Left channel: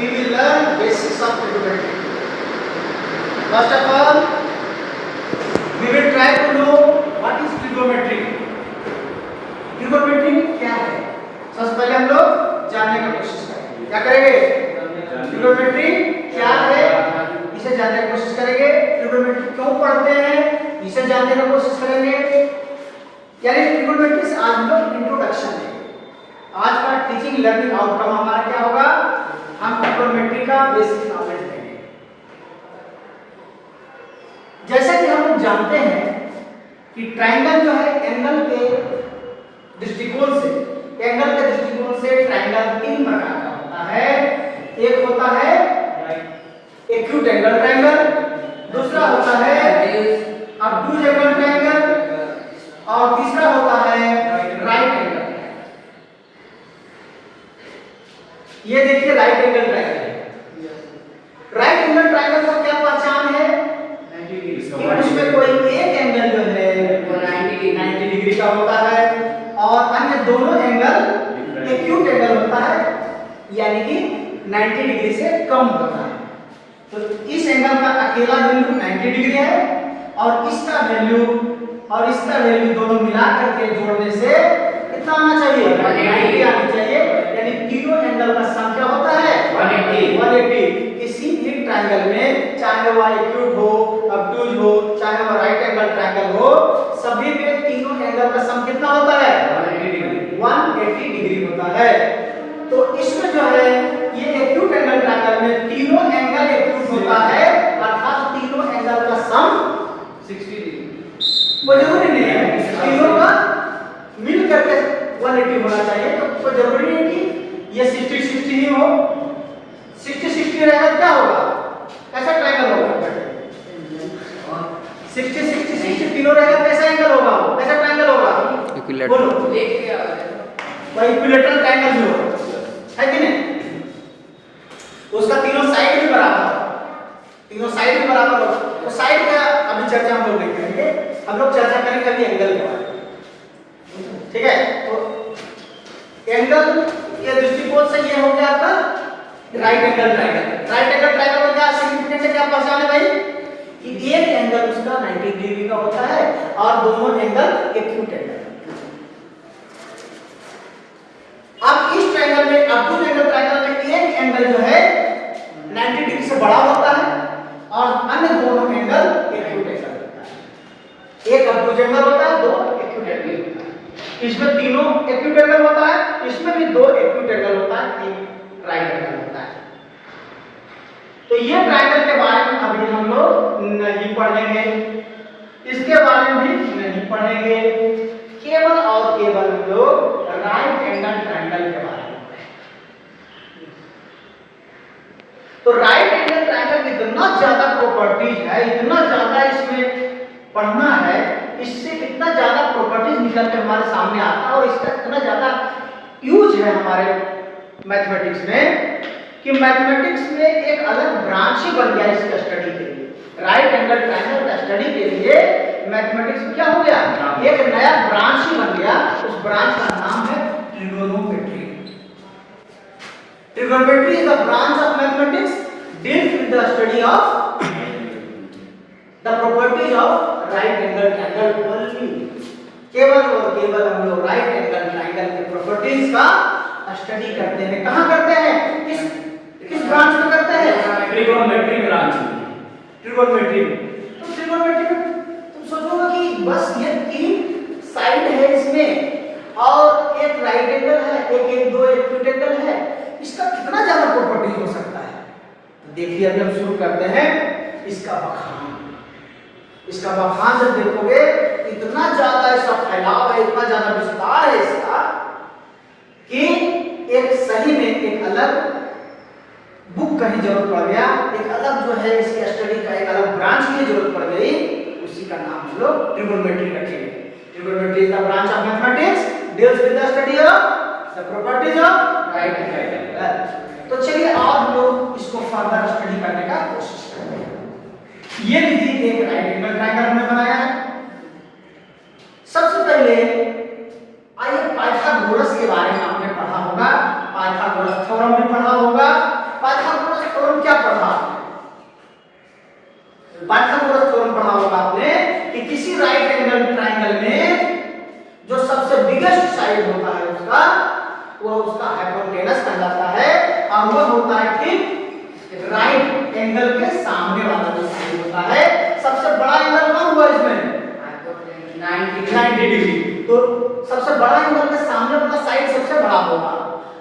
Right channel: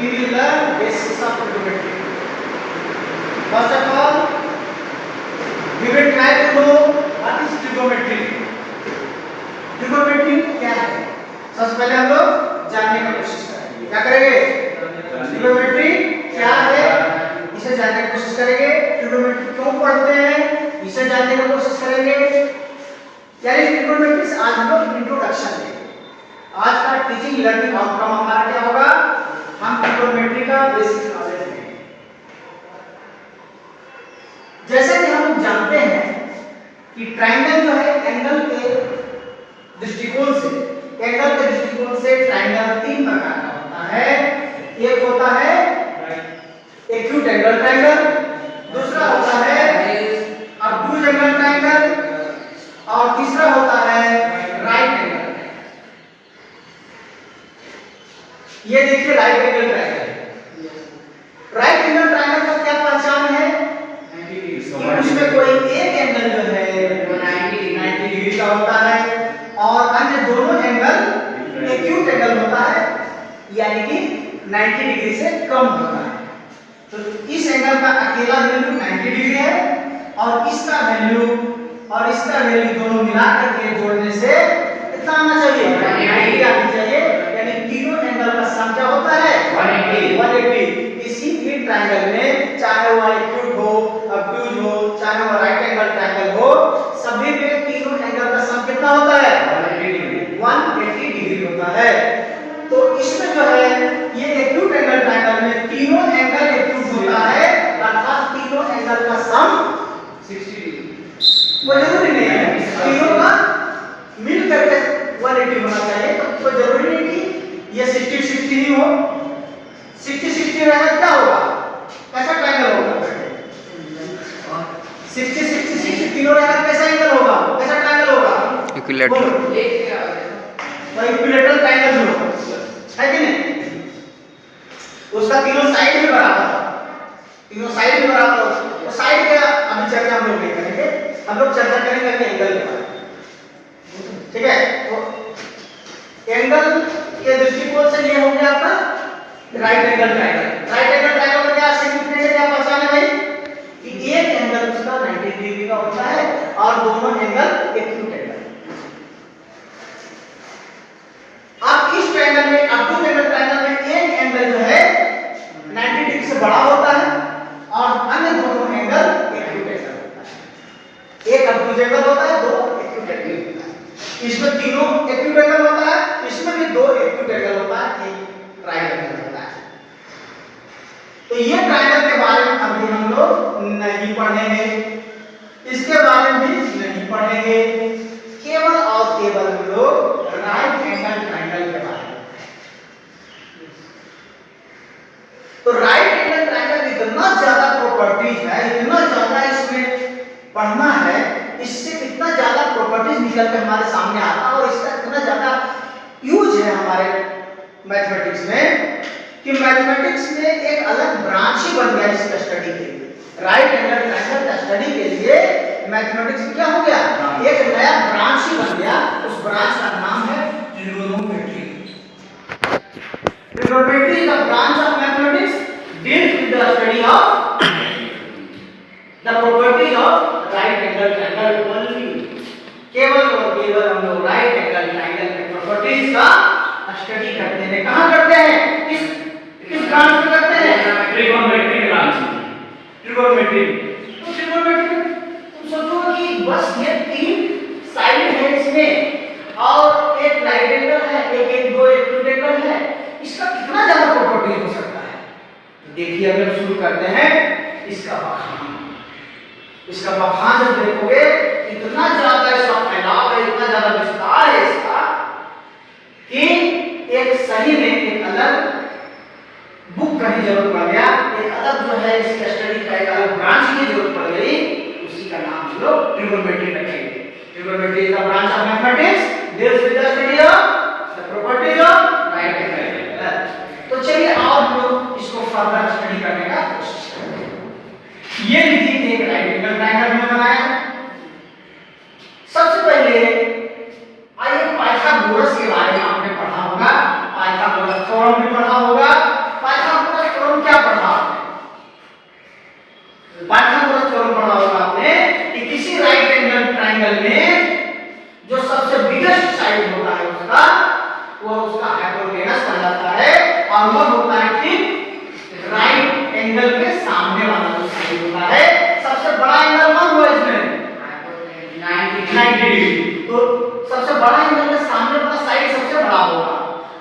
we will learn basics of trigonometry. First of all, we will try to know what is trigonometry. Trigonometry क्या है? सबसे पहले हम लोग जानने की कोशिश करेंगे। क्या करेंगे? ट्रिगोनोमेट्री क्या है इसे जानने की कोशिश करेंगे। ट्रिगोनोमेट्री क्यों पढ़ते हैं इसे जानने की कोशिश करेंगे। यानी ट्रिगोनोमेट्री से आज हम लोग इंट्रोडक्शन लेंगे। आज का टीचिंग लर्निंग आउटकम हमारा क्या होगा? हम ट्रिगोनोमेट्री का बेसिक नॉलेज लेंगे। जैसा कि हम लोग जानते हैं कि ट्रायंगल जो है एंगल के दृष्टिकोण से ट्रायंगल तीन प्रकार का होता है। एक होता है एक्यूट एंगल ट्रायंगल, दूसरा होता है ऑब्टूज एंगल ट्रायंगल और तीसरा होता है राइट एंगल। ये देखिए right angle triangle. Right angle triangle का क्या पहचान है? उसमें कोई एक एंगल जो है वो 90 डिग्री का होता है और अन्य दोनों एंगल एक्यूट एंगल होता है, यानी कि 90 डिग्री से कम होता है। तो इस एंगल का अकेला वैल्यू 90 डिग्री है और इसका वैल्यू दोनों मिला करके जोड़ने से कितना आना चाहिए? 180 आनी चाहिए। यानी तीनों एंगल का सम क्या होता है? 180। किसी भी ट्रायंगल में चाहे वो एक्यूट हो, ऑब्टूज हो, चाहे वो राइट एंगल ट्रायंगल हो, सभी में तीनों एंगल का सम कितना होता है? 180 डिग्री होता है। तो इसमें जो है ये एक्यूट एंगल ट्रायंगल में तीनों एंगल एक्यूट होता है, अर्थात तीनों एंगल का सम 60 डिग्री। वो जरूरी नहीं है तीनों का मिल करके 180 होना चाहिए। तो जरूरी नहीं कि ये 60-60 ही हो। 60-60 रहेगा क्या होगा? कैसा ट्रायंगल होगा? 60-60 तीनों रहेगा कैसा एंगल होगा? कैसा ट्रायंगल होगा? इक्विलैटरल। वही इक्विलैटरल ट्रायंगल जो है कि नहीं, उसका तीनों साइड भी बराबर हो। तो साइड का अभी चर्चा हम लोग नहीं करेंगे, हम लोग चर्चा करेंगे अभी एंगल के बारे में। ठीक है, तो एंगल के दृष्टिकोण से ये हो गया आपका right angle triangle. Right angle triangle का क्या सिग्निफिकेंस है, क्या पहचान है भाई? कि एक एंगल उसका 90 डिग्री का होता है और दोनों एंगल एक्यूट एंगल। अब इस ट्रायंगल में ऑब्टूज एंगल ट्रायंगल में एक एंगल जो है 90 डिग्री से बड़ा होता है और अन्य दोनों एंगल एक्यूट एंगल होता है। एक ऑब्टूज एंगल होता है, दो एक्यूट एंगल होता है। इसमें तीनों एक्यूट एंगल होता है, इसमें भी दो एक्यूट एंगल होता है, एक राइट एंगल होता है। तो ये ट्रायंगल के बारे में अभी हम लोग नहीं पढ़ेंगे, इसके बारे में भी नहीं पढ़ेंगे, केवल और केवल हम लोग राइट एंगल ट्रायंगल के बारे में। तो राइट एंगल ट्रायंगल इतना ज्यादा प्रॉपर्टीज है, इतना ज्यादा इसमें पढ़ना है, इससे इतना ज्यादा प्रॉपर्टीज निकल के हमारे सामने आता है और इसका इतना ज्यादा यूज है हमारे मैथमेटिक्स में कि मैथमेटिक्स में एक अलग ब्रांच ही बन गया इसका स्टडी के लिए। राइट एंगल ट्रायंगल का स्टडी के लिए मैथमेटिक्स में क्या हो गया? एक नया ब्रांच ही बन गया। उस ब्रांच का नाम है trigonometry. Trigonometry is a branch of mathematics deals with the study of the properties of right angle triangle only. केवल और केवल हम लोग राइट एंगल ट्रायंगल के प्रॉपर्टीज का स्टडी करते हैं। कहां करते हैं? किस ब्रांच में करते हैं? Trigonometry branch. ट्रिगोनोमेट्री तुम सोचोगे कि बस ये तीन साइड है इसमें और एक राइट एंगल है, एक दो एक्यूट एंगल है, इसका कितना ज्यादा प्रॉपर्टी हो सकता है? तो देखिए अगर शुरू करते हैं इसका बखान जब देखोगे इतना ज्यादा इसका फैलाव है, इतना ज्यादा विस्तार है इसका कि एक सही में एक अलग बुक का ही जरूरत पड़ गया, एक अलग जो है इसका स्टडी का एक अलग ब्रांच की जरूरत पड़ गई। उसी का नाम हम लोग ट्रिगोनोमेट्री रखेंगे। Trigonometry is the branch of mathematics deals with the study of the properties of right angle. तो चलिए आप लोग इसको फर्दर स्टडी करने का कोशिश करें। ये देखिए एक राइट एंगल ट्रायंगल हमने बनाया है। सबसे पहले आइए पाइथागोरस के बारे में आपने पढ़ा होगा, पाइथागोरस थ्योरम भी पढ़ा होगा। पाइथागोरस बिगेस्ट साइड होता है उसका, वो उसका हाइपोटेनस कहलाता है, और वह होता है ठीक राइट एंगल के सामने वाला जो साइड होता है। सबसे बड़ा एंगल कौन हुआ इसमें? 90 डिग्री। तो सबसे बड़ा एंगल के सामने वाला साइड सबसे बड़ा होगा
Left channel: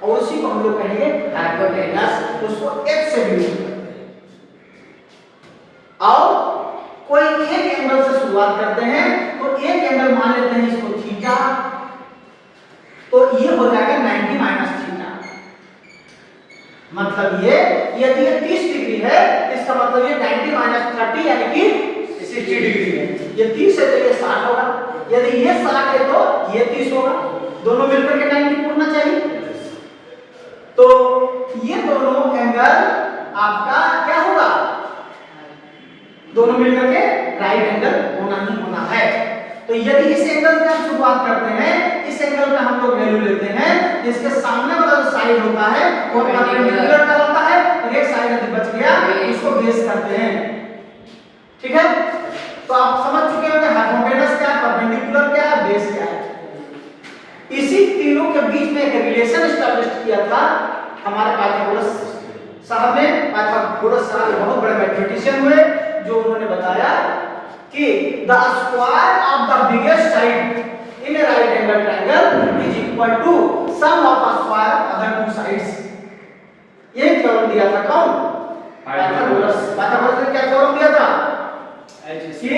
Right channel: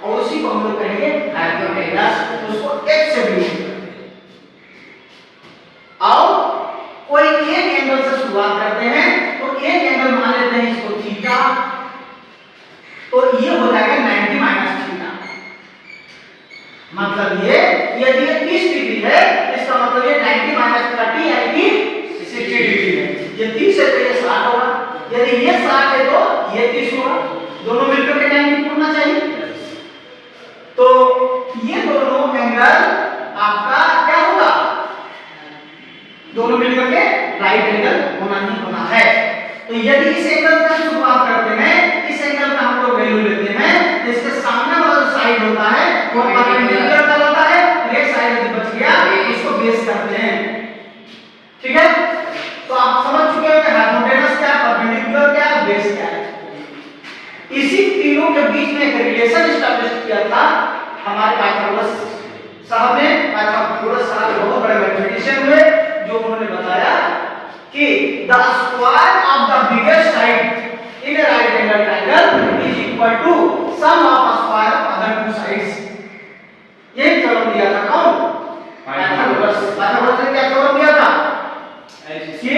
और उसी को हम लोग कहेंगे हाइपोटेनस, उसको H से डिनोट करते हैं। और कोई एक एंगल से शुरुआत करते हैं, तो एक एंगल मान लेते हैं इसको थीटा, तो ये हो जाएगा 90 माइनस थीटा। मतलब ये यदि ये 30 डिग्री है, इसका मतलब ये 90 माइनस 30 यानी कि 60 डिग्री है। ये 30 है तो ये 60 होगा, यदि ये 60 है तो ये 30 होगा, दोनों मिलकर के 90 होना चाहिए। तो ये दोनों एंगल आपका क्या होगा? दोनों मिलकर के राइट एंगल होना ही होना है। तो यदि इस एंगल से शुरुआत करते हैं, इस एंगल का हम लोग वैल्यू लेते हैं, जिसके सामने वाला जो साइड होता है वो परपेंडिकुलर का होता है, और एक साइड यदि बच गया इसको बेस करते हैं। ठीक है, तो आप समझ चुके हो कि हाइपोटेनस क्या, परपेंडिकुलर क्या, बेस क्या है। इसी तीनों के बीच में एक रिलेशन एस्टैब्लिश किया था हमारे पाइथागोरस साहब ने। पाइथागोरस साहब बहुत बड़े मैथमेटिशियन हुए, जो उन्होंने बताया कि the square of the biggest side in a right angle triangle is equal to sum of square of other two sides. ये थ्योरम दिया था कौन? पाइथागोरस। पाइथागोरस ने क्या थ्योरम दिया था? कि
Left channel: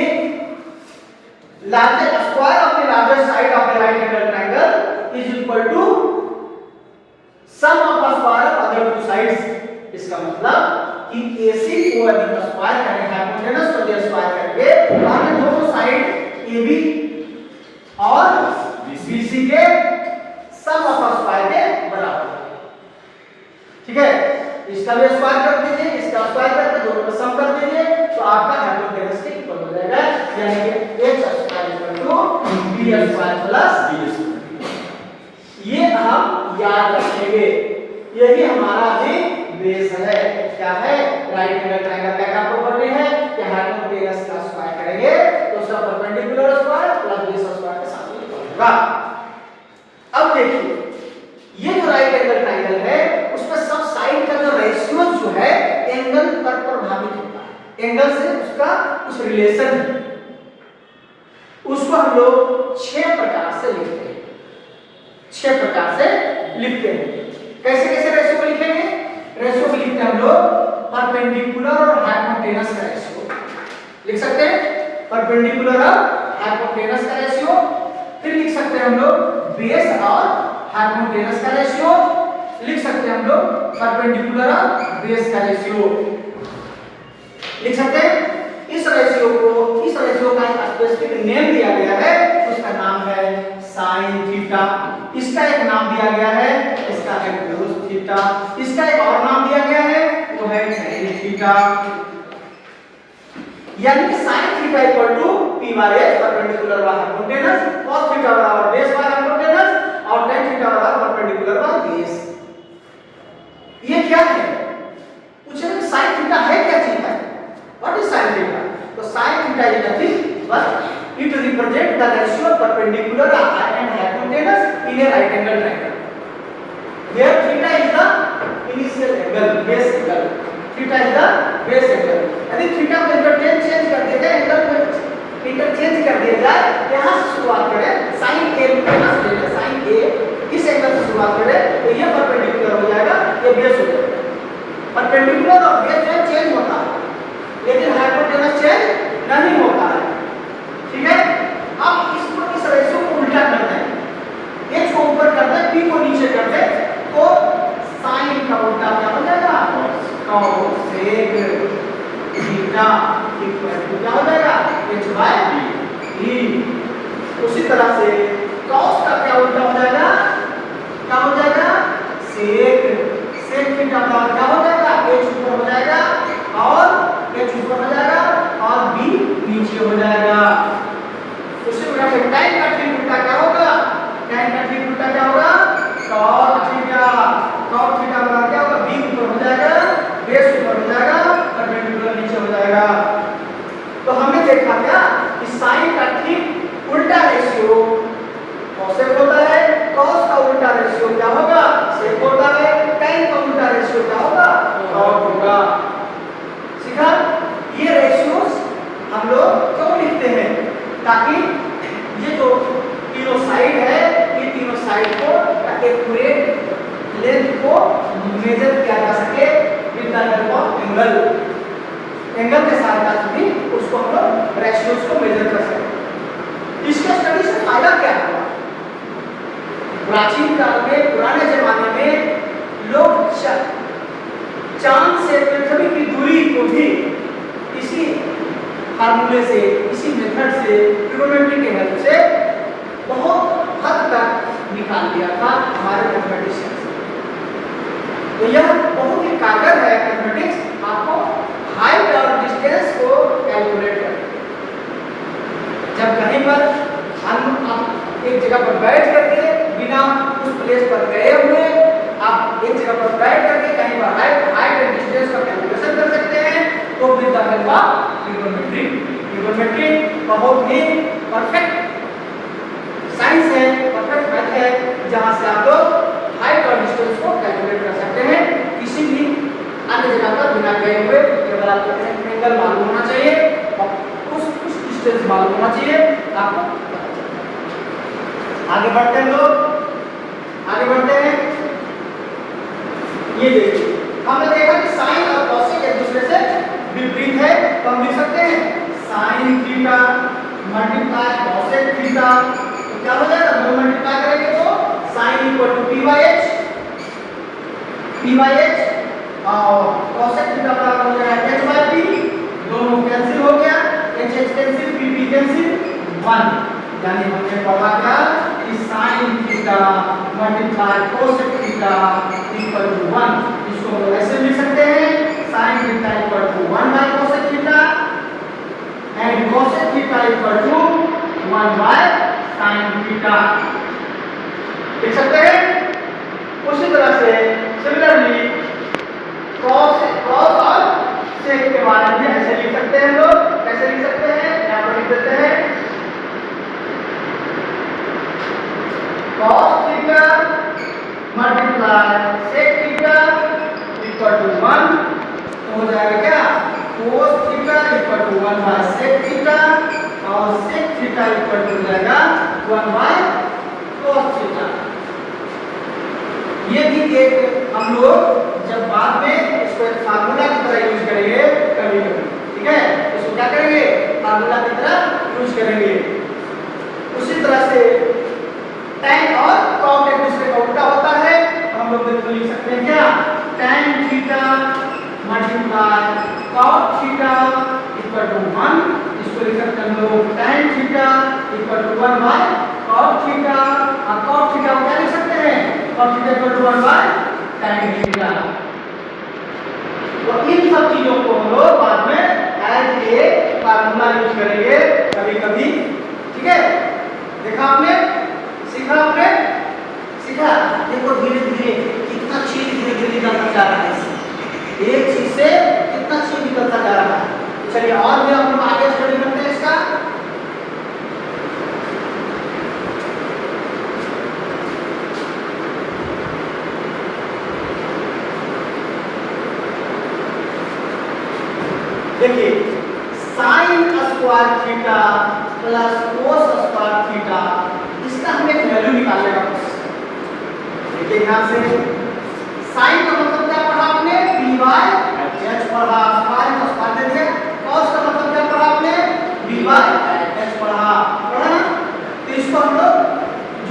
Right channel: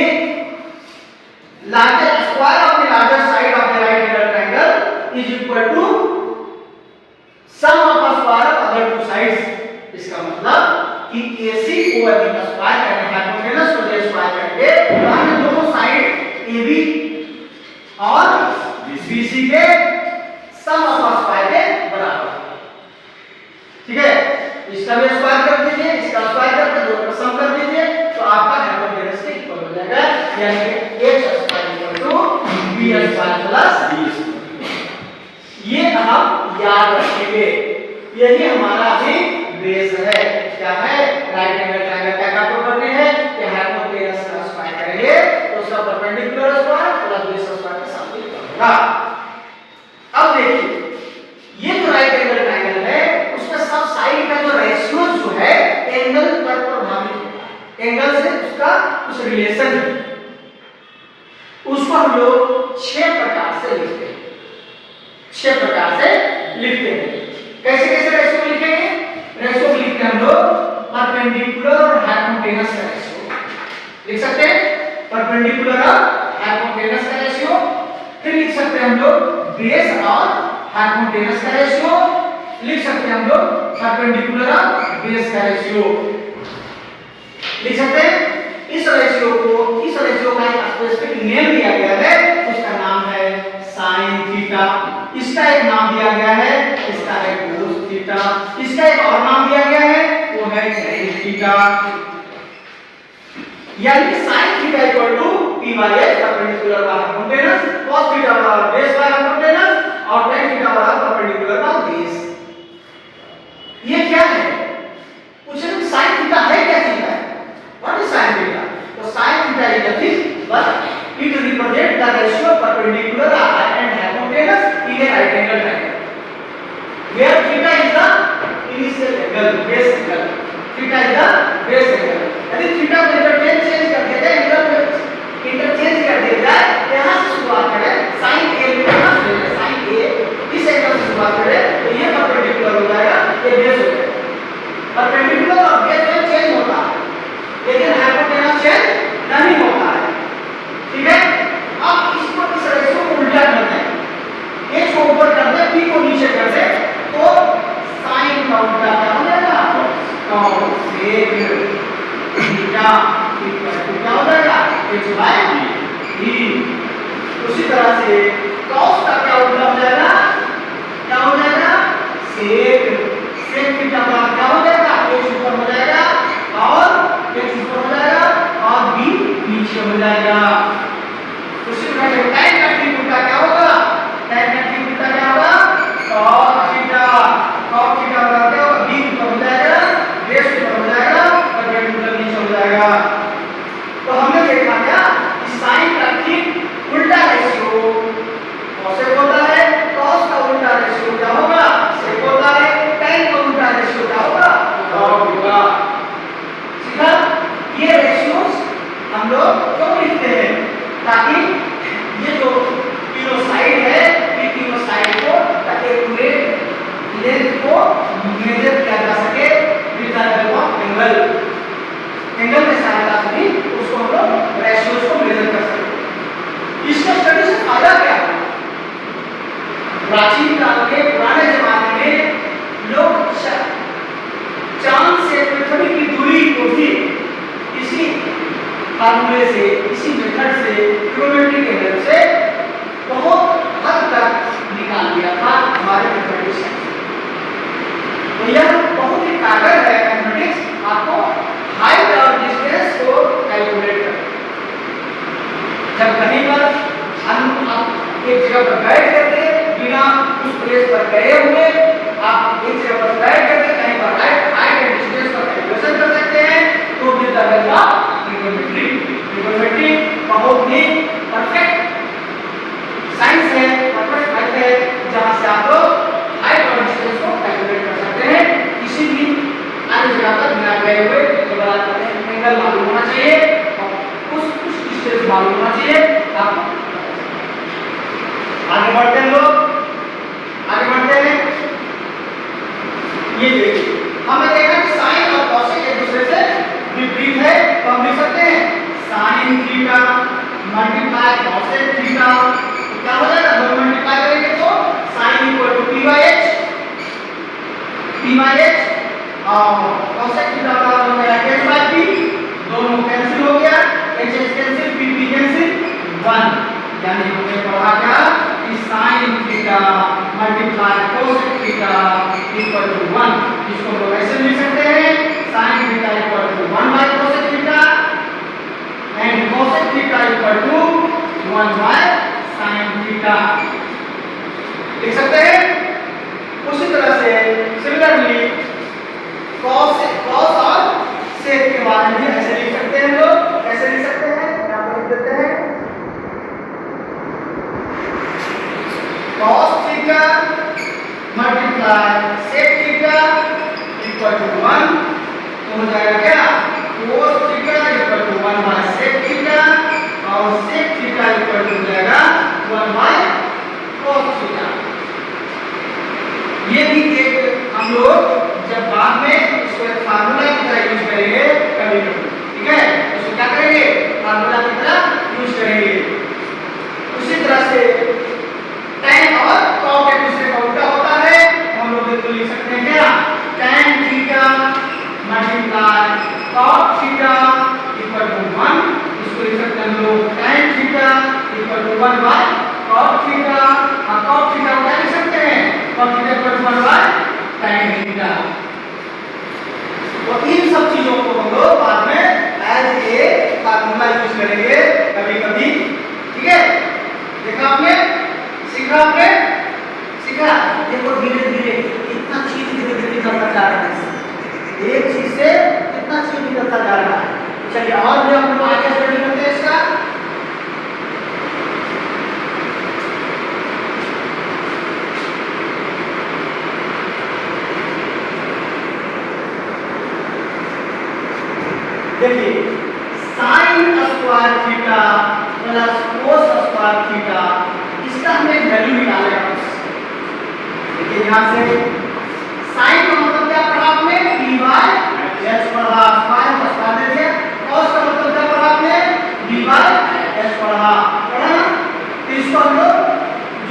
larger square of the larger side of the right angle triangle is equal to sum of the square of other two sides। इसका मतलब कि AC को यदि स्क्वायर करें, हाइपोटेनस को यदि स्क्वायर करेंगे, तो हमें दोनों साइड AB और BC के सम ऑफ स्क्वायर के बराबर। ठीक है, इसका भी स्क्वायर कर दीजिए, इसका स्क्वायर करके दोनों का सम कर दीजिए, तो आपका हाइपोटेनस के इक्वल हो जाएगा, यानी कि H square equal to B square plus D। ये हम याद रखेंगे, यही हमारा भी बेस है। क्या है? राइट एंगल ट्रायंगल क्या क्या प्रॉपर्टी है कि हाइपोटेनस का स्क्वायर करेंगे तो उसका perpendicular square plus base square का सम होगा। अब देखिए, ये जो राइट एंगल ट्रायंगल है उसमें सब साइड का जो रेशियो जो है एंगल पर प्रभावित होता है, एंगल से उसका कुछ रिलेशन है, उसको हम लोग 6 प्रकार से लिखते हैं। 6 प्रकार से लिखते हैं। कैसे कैसे रेशियो लिखेंगे? रेशियो लिखते हैं हम लोग परपेंडिकुलर और हाइपोटेनस का रेशियो लिख सकते हैं, परपेंडिकुलर और हाइपोटेनस का रेशियो। फिर लिख सकते हैं हम लोग बेस और हाइपोटेनस का रेशियो, लिख सकते हैं हम लोग परपेंडिकुलर और बेस का रेशियो लिख सकते हैं। इस रेशियो का एक स्पेसिफिक नेम दिया गया है, उसका नाम है साइन थीटा। इसका एक नाम दिया गया है, इसका है कोस थीटा। इसका एक और नाम दिया गया है, वो है टेन थीटा। यानी sine theta equal to p by h perpendicular by hypotenuse, cos theta बराबर बेस बाय हाइपोटेनस और tan थीटा बराबर परपेंडिकुलर बाय बेस। ये क्या है? पूछे कि sin थीटा है क्या चीज है? What is sin theta? तो sin theta is nothing but it represents the ratio perpendicular and hypotenuse in a right angle triangle, where theta is the initial angle, base angle. Theta is the base angle. यदि theta को interchange कर दिया जाए, angle को interchange कर दिया जाए, यहां से शुरुआत करें sin A लिखना है, sin A इस एंगल से शुरुआत करें तो ये परपेंडिकुलर हो जाएगा, ये बेस हो जाएगा। परपेंडिकुलर और बेस में चेंज होता है, लेकिन हाइपोटेनस चेंज नहीं होता है। ठीक है, अब इसको इस रेशियो को उल्टा करना है, h को ऊपर करना है, p को नीचे कर दे, तो sin का उल्टा क्या हो जाएगा? cos sec theta equal to क्या हो जाएगा? h by d। उसी तरह से cos का क्या उल्टा हो जाएगा? क्या हो जाएगा? sec थीटा का क्या हो जाएगा? h ऊपर हो जाएगा और h ऊपर हो जाएगा और b नीचे हो जाएगा। उसी प्रकार से tan का ठीक उल्टा क्या होगा? tan का ठीक उल्टा क्या होगा? cos theta. cos थीटा बराबर क्या होगा? b ऊपर हो जाएगा, बेस ऊपर हो जाएगा, परपेंडिकुलर नीचे हो जाएगा। तो हमने देखा क्या कि sin का ठीक उल्टा रेशियो cosec होता है ताकि ये जो तीनों साइड है, ये तीनों साइड को एक्यूरेट लेंथ को मेजर किया जा सके with the help of angle. Angle के सहायता से भी उसको हम लोग रेशियोज को मेजर कर सकते हैं। इसका स्टडी से फायदा क्या है? प्राचीन काल के पुराने जमाने में लोग चांद से पृथ्वी की दूरी को भी इसी फार्मूले से, इसी मेथड से, ट्रिग्नोमेट्री के हेल्प से बहुत हद तक निकाल दिया था हमारे मैथमेटिशियन। तो यह बहुत ही कारगर है मैथमेटिक्स, आपको हाइट और डिस्टेंस को कैलकुलेट करने। जब कहीं पर हम एक जगह पर बैठ करके बिना उस प्लेस पर गए हुए आप एक जगह पर बैठ करके कहीं पर हाइट एंड डिस्टेंस का कैलकुलेशन कर सकते हैं, तो with the help of trigonometry. Trigonometry बहुत ही परफेक्ट साइंस है, परफेक्ट मैथ है, जहां से आप लोग हाइट और डिस्टेंस को कैलकुलेट कर सकते हैं किसी भी अन्य जगह पर बिना गए हुए। केवल आपको एंगल मालूम होना चाहिए और कुछ डिस्टेंस मालूम होना चाहिए, आपको आगे बढ़ते हैं लोग, आगे बढ़ते हैं। ये देखिए हमें देखा कि साइन और कोसेक एक दूसरे से विपरीत है, तो हम लिख सकते हैं sine theta multiply cosec theta. तो क्या हो जाएगा? दोनों मल्टीप्लाई करेंगे तो sine equal to p by h और कोसेक थीटा का हो गया h बाई p। दोनों कैंसिल हो गया, h कैंसिल, p कैंसिल, 1। यानी हमने पढ़ा क्या कि sin theta multiply cosec theta equal to 1। इसको हम ऐसे लिख सकते हैं sin theta equal to 1 by cosec theta and cosec theta equal to 1 by sin theta. लिख सकते हैं। उसी तरह से सिमिलरली cos और sec के बारे में ऐसे लिख सकते हैं लोग। कैसे लिख सकते हैं? यहां पर लिख देते हैं cos theta multiply sec theta equal to 1। तो हो जाएगा क्या? cos theta equal to 1 by sec theta और sec थीटा इक्वल टू हो जाएगा 1 बाय cos थीटा। ये भी एक हम लोग जब बाद में इसको एक फार्मूला की तरह यूज करेंगे कभी कभी, ठीक है? इसको क्या करेंगे? फार्मूला की तरह यूज करेंगे। उसी तरह से tan और cot एक दूसरे का उल्टा होता है, हम लोग इसको लिख सकते हैं क्या? tan theta multiply cot theta equal to 1। इसको लिख सकते हैं लोग tan theta equal to 1 by cot theta और cot थीटा को क्या लिख सकते हैं? cot theta equal to 1 by tan theta. तो इन सब चीजों को हम लोग बाद में एज ए फार्मूला यूज करेंगे कभी कभी, ठीक है? देखा आपने, सीखा आपने, सीखा। देखो धीरे धीरे कितना चीज धीरे धीरे निकलता जा रहा है, एक चीज से कितना चीज निकलता जा रहा है। चलिए और भी हम आगे स्टडी करते हैं इसका। देखिए sin square theta plus cos square theta, इसका हमने वैल्यू निकाला है। देखिए यहां से sin का मतलब क्या पढ़ा आपने? p बाय h पढ़ा, स्क्वायर का स्क्वायर दे दिया। cos का मतलब क्या पढ़ा आपने? b बाय h पढ़ा ना? तो इसको हम लोग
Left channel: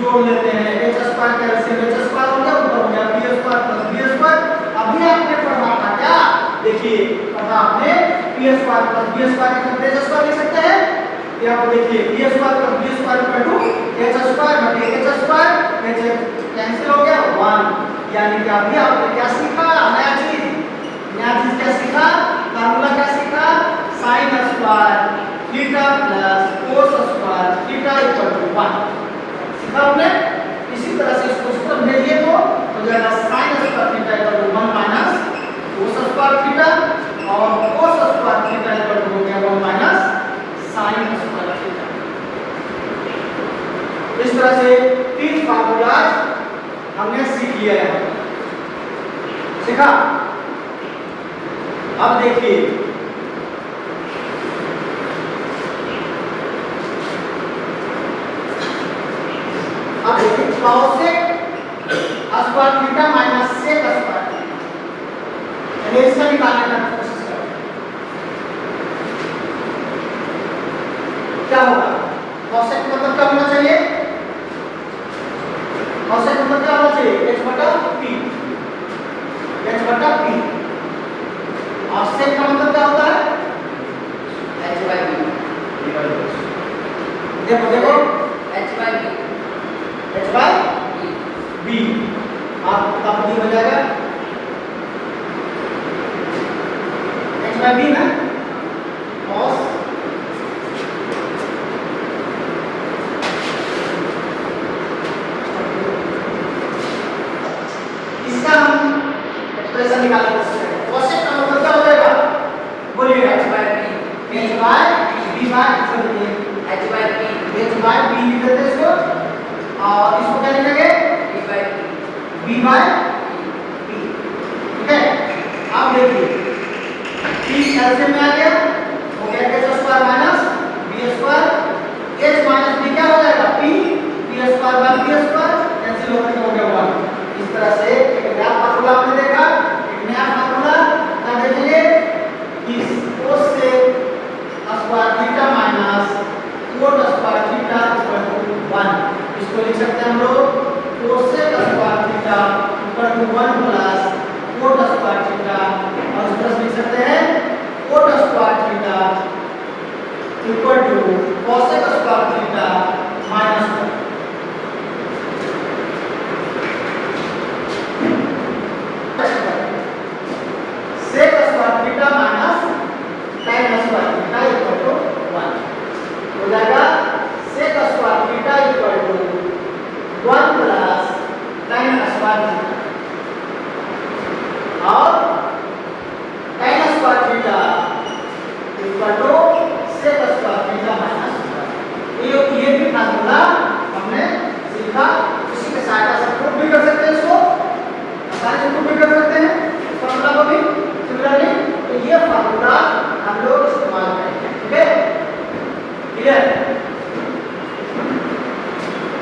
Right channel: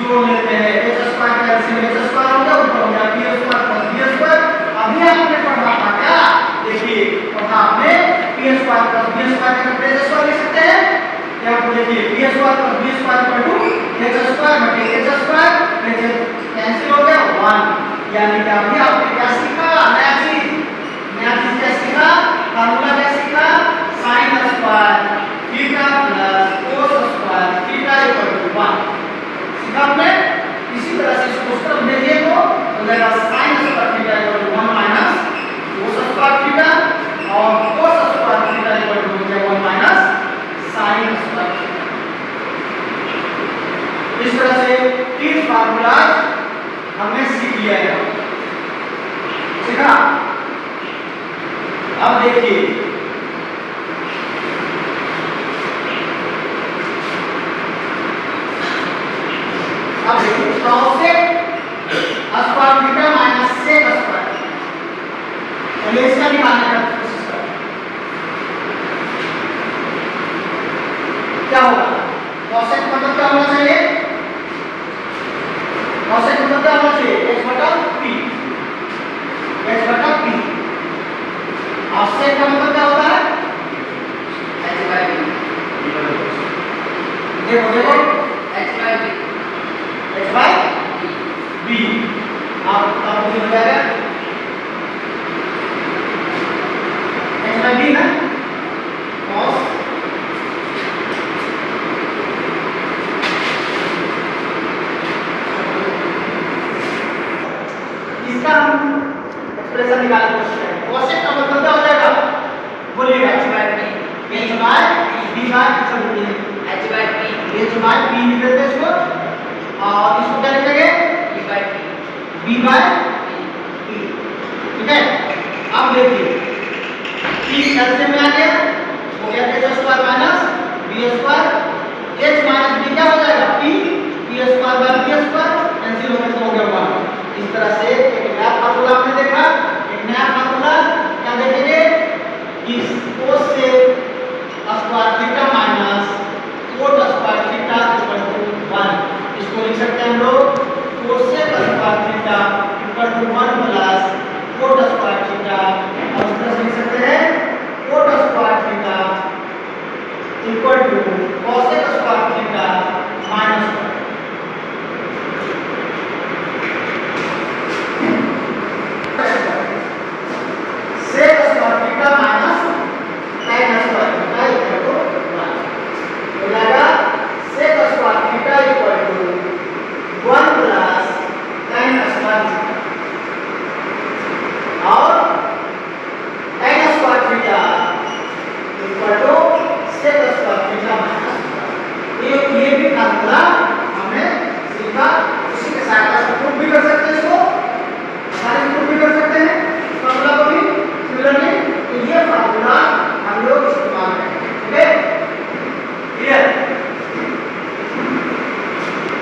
जोड़ लेते हैं। h स्क्वायर का ऐसे h स्क्वायर हो गया, ऊपर हो गया p square plus b square. अभी आपने पढ़ा था क्या? देखिए पढ़ा आपने p square plus b square का h स्क्वायर लिख सकते हैं। या आप देखिए p square plus b square equal to h square बटे h स्क्वायर, h कैंसिल हो गया 1। यानी कि अभी आपने क्या सीखा? नया चीज क्या सीखा? फार्मूला क्या सीखा? sin square theta plus cos square theta equal to 1 सीखा आपने। इसी तरह से इसको उस तरफ भेजिए तो हो जाएगा sin square theta equal to 1 minus cos square theta और cos square theta equal to हो गया 1 माइनस sin स्क्वायर थीटा। इस तरह से तीन फार्मूला हमने सीख लिया है, सीखा। अब देखिए चलिए इसका निकालने का कोशिश करो। क्या होगा? कॉसेक मतलब क्या होना चाहिए? कॉसेक मतलब क्या होना चाहिए? h बटा p, h बटा p। और सेक का मतलब क्या होता है? h by b। देखो देखो h by b। आप ये हो जाएगा h by b ना, cos इसका हम एक्सप्रेशन निकालने की कोशिश करें। कोसेक का मतलब क्या हो जाएगा? बोलिएगा। h by b h by b bar h by p लिख देते हैं इसको, और इसको क्या लिखेंगे? b by p। ठीक है, अब देखिए p एलसीएम में आ गया, हो गया h square minus b square, h minus b क्या हो जाएगा? p square by b square, cancel होकर तो हो गया 1। इस तरह से एक नया फार्मूला हमने देखा। एक नया फार्मूला क्या देखेंगे कि cos से square theta minus cot square theta equal to 1। इसको लिख सकते हैं हम लोग cosec square theta equal to 1 plus cot square theta, और इस तरह से लिख सकते हैं cot square theta equal to cosec square theta minus 1। sec square theta minus tan square theta equal to 1 हो जाएगा। sec square theta equal to 1 plus tan square theta, और tan square theta equal to sec square theta minus 1। ये भी formula हमने सीखा, उसी के सहायता से प्रूफ भी कर सकते हैं, इसको आसानी से प्रूफ भी कर सकते हैं फार्मूला को भी सिमिलरली। तो ये फार्मूला हम लोग इस्तेमाल करेंगे। ठीक है, clear?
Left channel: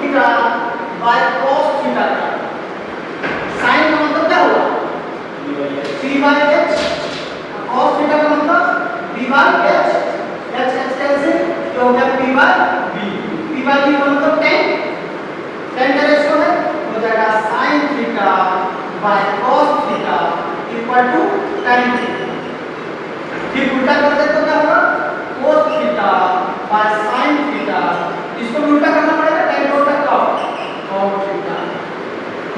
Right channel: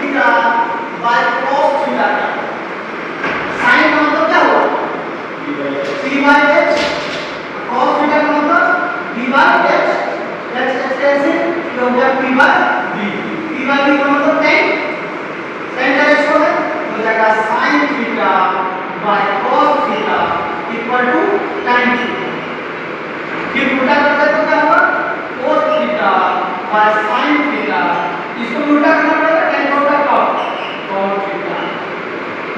Theta by cos theta का sin का मतलब क्या हुआ? c by h। cos theta का मतलब b by h, h cancel तो हो गया p by b। p by b का मतलब tan का रेशो है, हो जाएगा sin theta by cos theta equal to tan theta. फिर उल्टा करते तो क्या होगा? cos theta by sin theta, इसको उल्टा करना पड़ेगा, tan का उल्टा cos थीटा।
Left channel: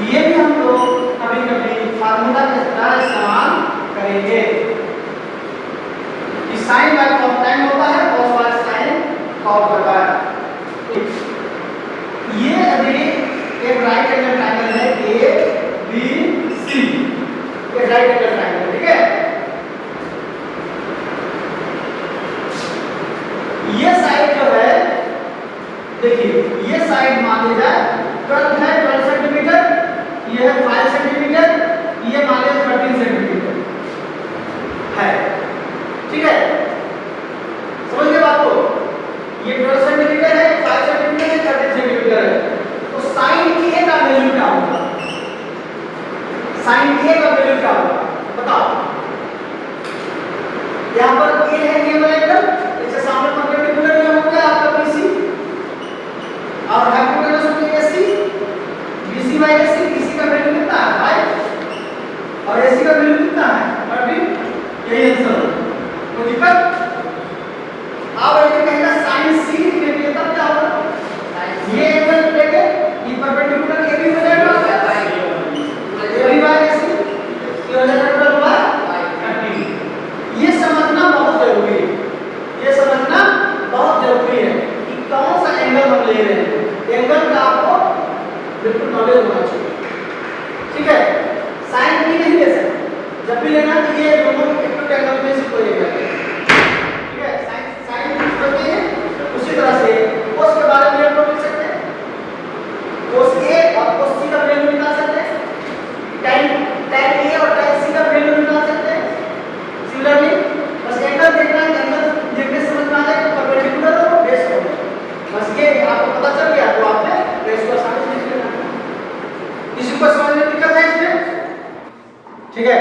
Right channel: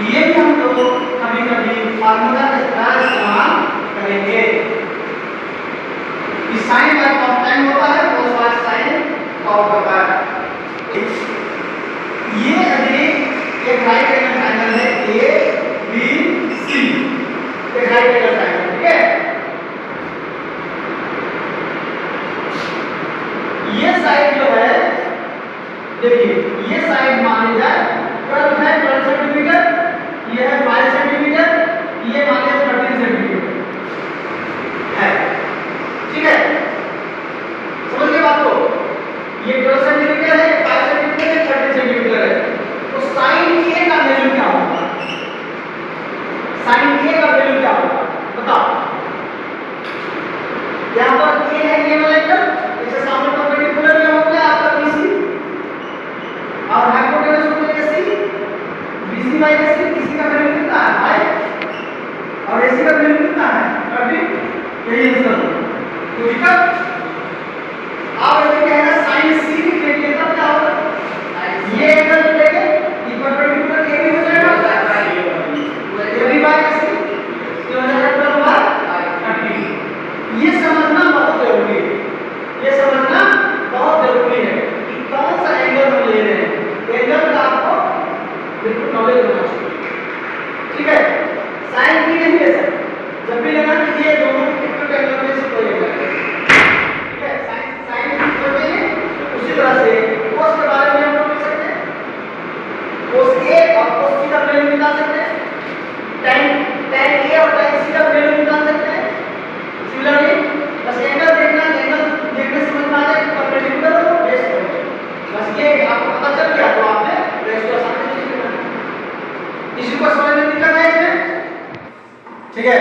ये भी हम लोग कभी कभी फार्मूला का इस्तेमाल करेंगे कि sin बाय cos tan होता है, cos बाय sin cos होता है। ये अभी एक राइट एंगल ट्रायंगल है ए बी सी, एक राइट एंगल ट्रायंगल। ठीक है, ये साइड जो है, देखिए ये साइड मान ली जाए 12 है 12 सेंटीमीटर, ये है 5 सेंटीमीटर, ये मान लीजिए 13 सेंटीमीटर है। ठीक है, समझ गए बात को? ये 12 सेंटीमीटर है, 5 सेंटीमीटर है, 13 सेंटीमीटर है। तो sin a का वैल्यू क्या होगा? sin a का वैल्यू क्या होगा बताओ? यहाँ पर a है, ये वाला एंगल, इसके सामने परपेंडिकुलर ये हो गया आपका BC, और हाइपोटेनस हो गया AC। BC by AC, BC का वैल्यू कितना है? 5, और AC का वैल्यू कितना है? 13। यही आंसर होगा। तो दिक्कत आप ऐसे कहेगा sin C लिख लेंगे तब क्या होगा? ये एंगल लेंगे, ये परपेंडिकुलर AB हो जाएगा, AB बाय AC ये हो जाएगा 12 बाय 13। ये समझना बहुत जरूरी है, ये समझना बहुत जरूरी है कि कौन सा एंगल हम ले रहे हैं। एंगल का आपको बिल्कुल नॉलेज होना चाहिए। ठीक है, साइन भी नहीं ले सकते, जब भी लेना तो ये दोनों इक्वल एंगल में से कोई एंगल है। ठीक है, साइन करते हैं उसी तरह से cos के बारे में हम लोग लिख सकते हैं, cos A और cos C का वैल्यू निकाल सकते हैं, tan A और tan C का वैल्यू निकाल सकते हैं। सिमिलरली बस एंगल देखना है, एंगल देखने समझ में आ जाए कि परपेंडिकुलर और बेस हो, बस ये आपको पता चल गया तो आपने रेशियो आसानी से लिख लेना। इसी को समझ में दिक्कत है इसमें? ठीक है।